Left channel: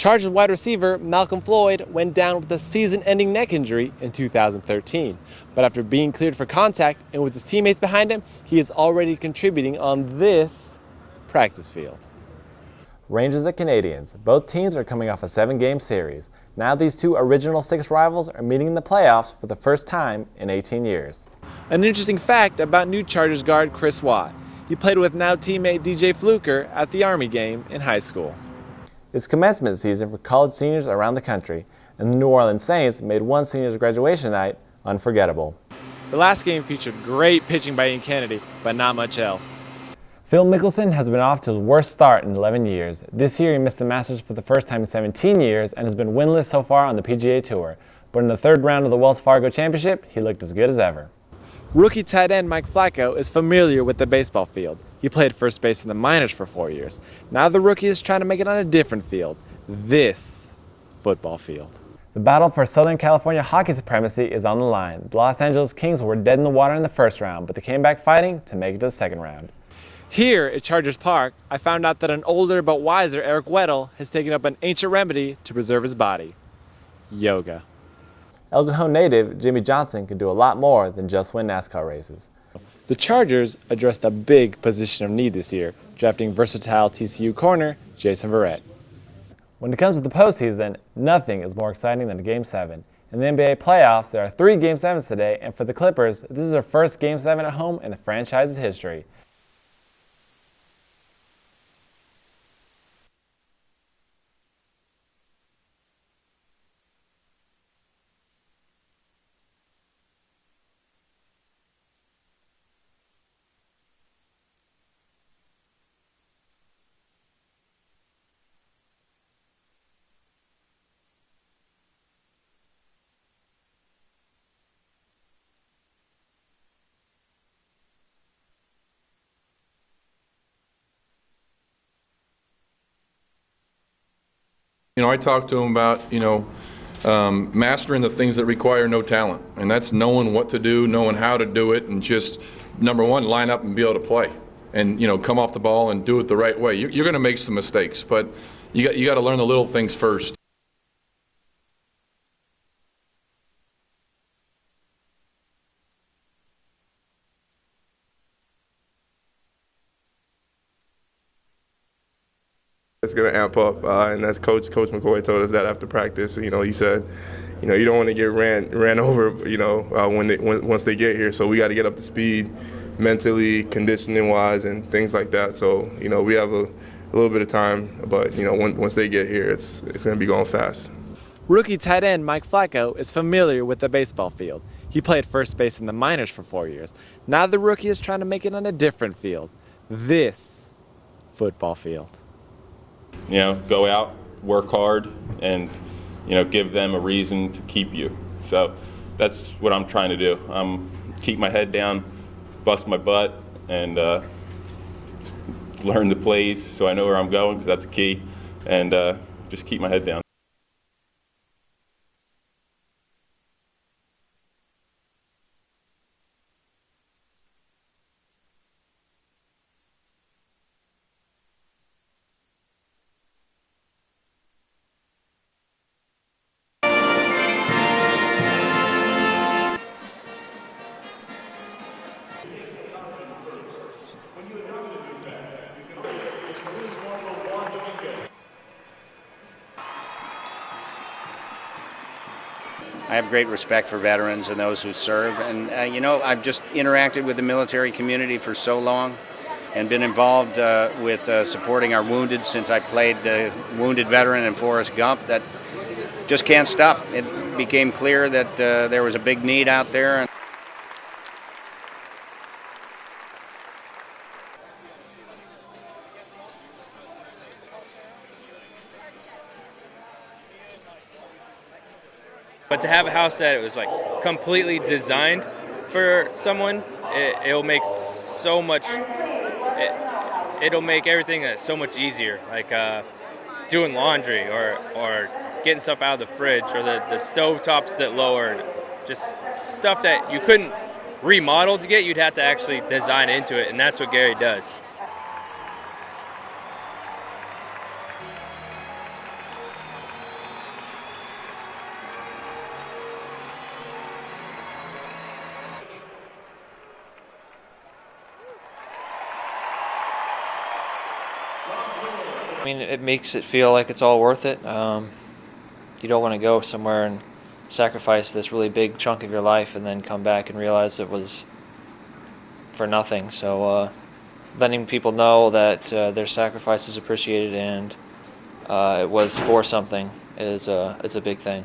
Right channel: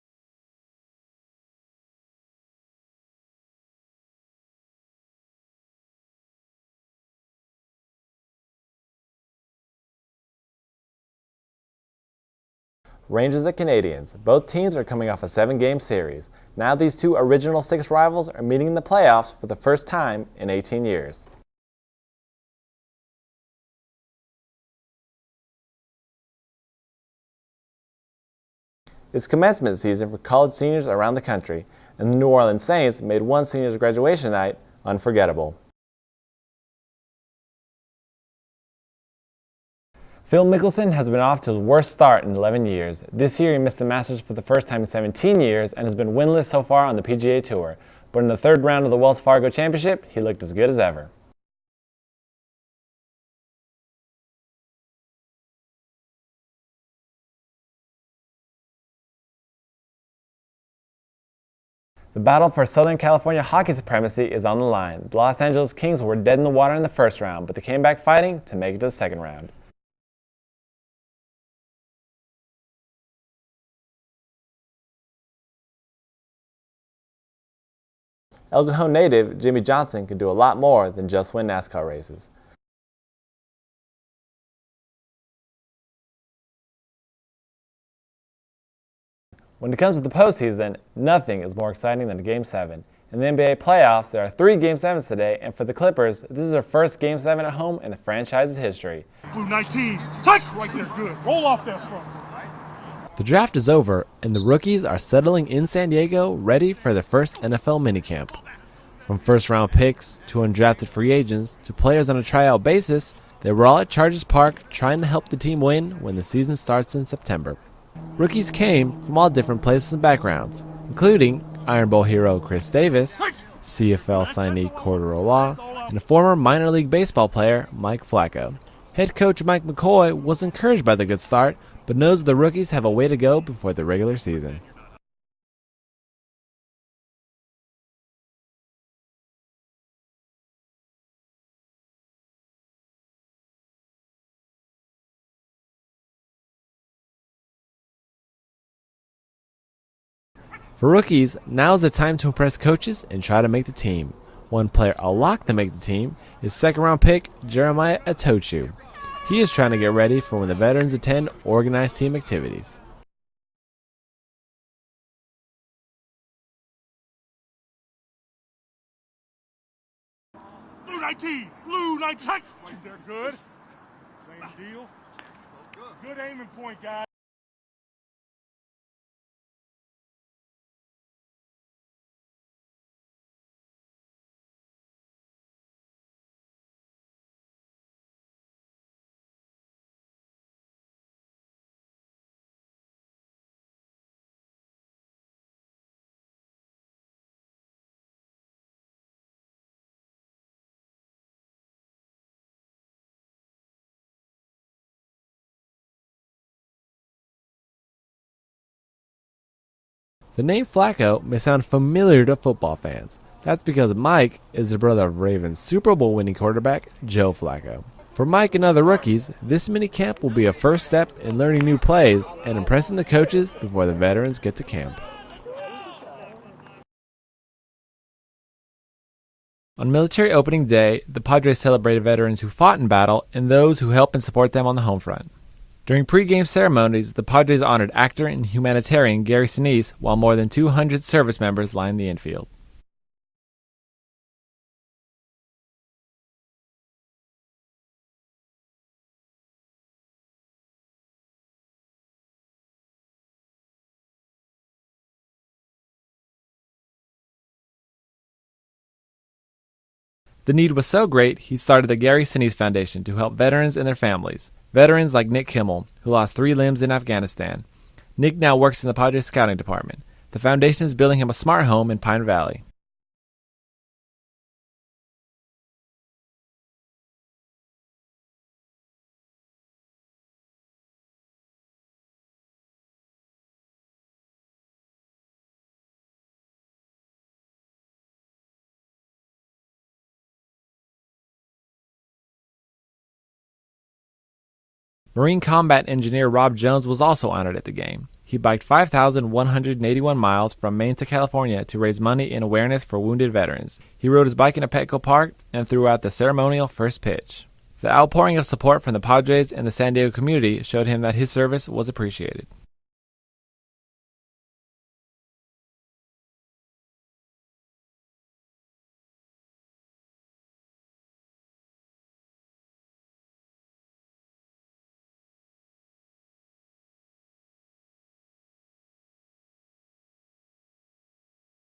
Chargers wide receiver Malcolm Floyd went down with a season-ending neck injury in 2013. But after being cleared for contact and with his teammates behind him, he is already contributing on this practice field. Rangers and Canadians. Both teams are coming off a 7-game series. Now these two original 6 rivals are meeting in the playoffs for the first time in 18 years. An interesting fact about new Chargers guard Chris Watt. He played with now teammate DJ Fluker at the Army game in high school. It's commencement season for college seniors around the country, and the New Orleans Saints made one senior's graduation night unforgettable. The last game featured great pitching by Ian Kennedy, but not much else. Phil Mickelson has been off to his worst start in 11 years. This year he missed the Masters for the first time in 17 years and has been winless so far on the PGA Tour. But in the 3rd round of the Wells Fargo Championship, he looked as good as ever. Rookie tight end Mike Flacco is familiar with the baseball field. He played first base in the minors for 4 years. Now the rookie is trying to make it on a different field, this football field. The battle for Southern California hockey supremacy is on the line. The Los Angeles Kings were dead in the water in the 1st round, but they came back fighting to make it to the 2nd round. Here at Chargers Park, I found out that an older but wiser Eric Weddle has taken up an ancient remedy to preserve his body: yoga. El Cajon native Jimmy Johnson can do a lot more than just win NASCAR races. The Chargers addressed a big position of need this year, drafting versatile TCU corner Jason Verrett. When it comes to the postseason, nothing is more exciting than a Game 7. In the NBA playoffs, there are 3 Game 7s today, and for the Clippers, this is their first Game 7 at home in the franchise's history. Blue 19, take right there, good. Roll off that front. The draft is over, and the rookies are settling in San Diego, ready for their first NFL minicamp. From first-round picks to undrafted free agents to players on a tryout basis, they were all at Chargers Park trying to help the team win when the season starts in September. Rookies came from all different places and backgrounds, including Iron Bowl hero Chris Davis, CFL signee Cordero Law, and a former minor league baseball player Mike Flacco. Head coach Mike McCoy was encouraged by the good start, but knows the rookies have a way to go before the regular season. I talked to him about, mastering the things that require no talent, and that's knowing what to do, knowing how to do it, and just, number one, line up and be able to play, and come off the ball and do it the right way. You're going to make some mistakes, but you got to learn the little things first. For rookies, now's the time to impress coaches and try to make the team. One player a lock to make the team is 2nd-round pick Jeremiah Atochu. He is trying to get ready for when the veterans attend organized team activities. It's going to amp up, and that's Coach McCoy told us that after practice. He said, you don't want to get ran over, once they get here. So we got to get up to speed mentally, conditioning-wise, and things like that. So, we have a little bit of time, but, once they get here, it's going to be going fast. Rookie tight end Mike Flacco is familiar with the baseball field. He played first base in the minors for 4 years. Now the rookie is trying to make it on a different field, this football field. Go out, work hard, and, give them a reason to keep you. So that's what I'm trying to do. Keep my head down, bust my butt, and learn the plays so I know where I'm going, because that's key, and just keep my head down. The name Flacco may sound familiar to football fans. That's because Mike is the brother of Ravens Super Bowl winning quarterback Joe Flacco. For Mike and other rookies, this minicamp will be a first step in learning new plays and impressing the coaches before the veterans get to camp. On military opening day, the Padres celebrated veterans who fought in battle and those who helped and support them on the home front. During pre-game ceremonies, the Padres honored actor and humanitarian Gary Sinise, while more than 200 service members lined the infield. I have great respect for veterans and those who serve, and I've just interacted with the military community for so long and been involved with supporting our wounded since I played the wounded veteran in Forrest Gump. That just can't stop. It became clear that there was a big need out there. The need was so great, he started the Gary Sinise Foundation to help veterans and their families. Veterans like Nick Kimmel, who lost 3 limbs in Afghanistan. Nick now works in the Padres scouting department. The foundation is building him a smart home in Pine Valley. But to have a house that was completely designed for someone, it'll make so much. It'll make everything so much easier, like doing laundry or getting stuff out of the fridge, or the stove tops that lowered, just stuff that you couldn't remodel to get. You'd have to actually design into it, and that's what Gary does. Marine Combat Engineer Rob Jones was also honored at the game. He biked 5,181 miles from Maine to California to raise money in awareness for wounded veterans. He rode his bike into Petco Park and threw out the ceremonial first pitch. The outpouring of support from the Padres and the San Diego community showed him that his service was appreciated. I mean, it makes it feel like it's all worth it. You don't want to go somewhere and sacrifice this really big chunk of your life and then come back and realize it was for nothing. So letting people know that their sacrifice is appreciated and it was for something is a big thing.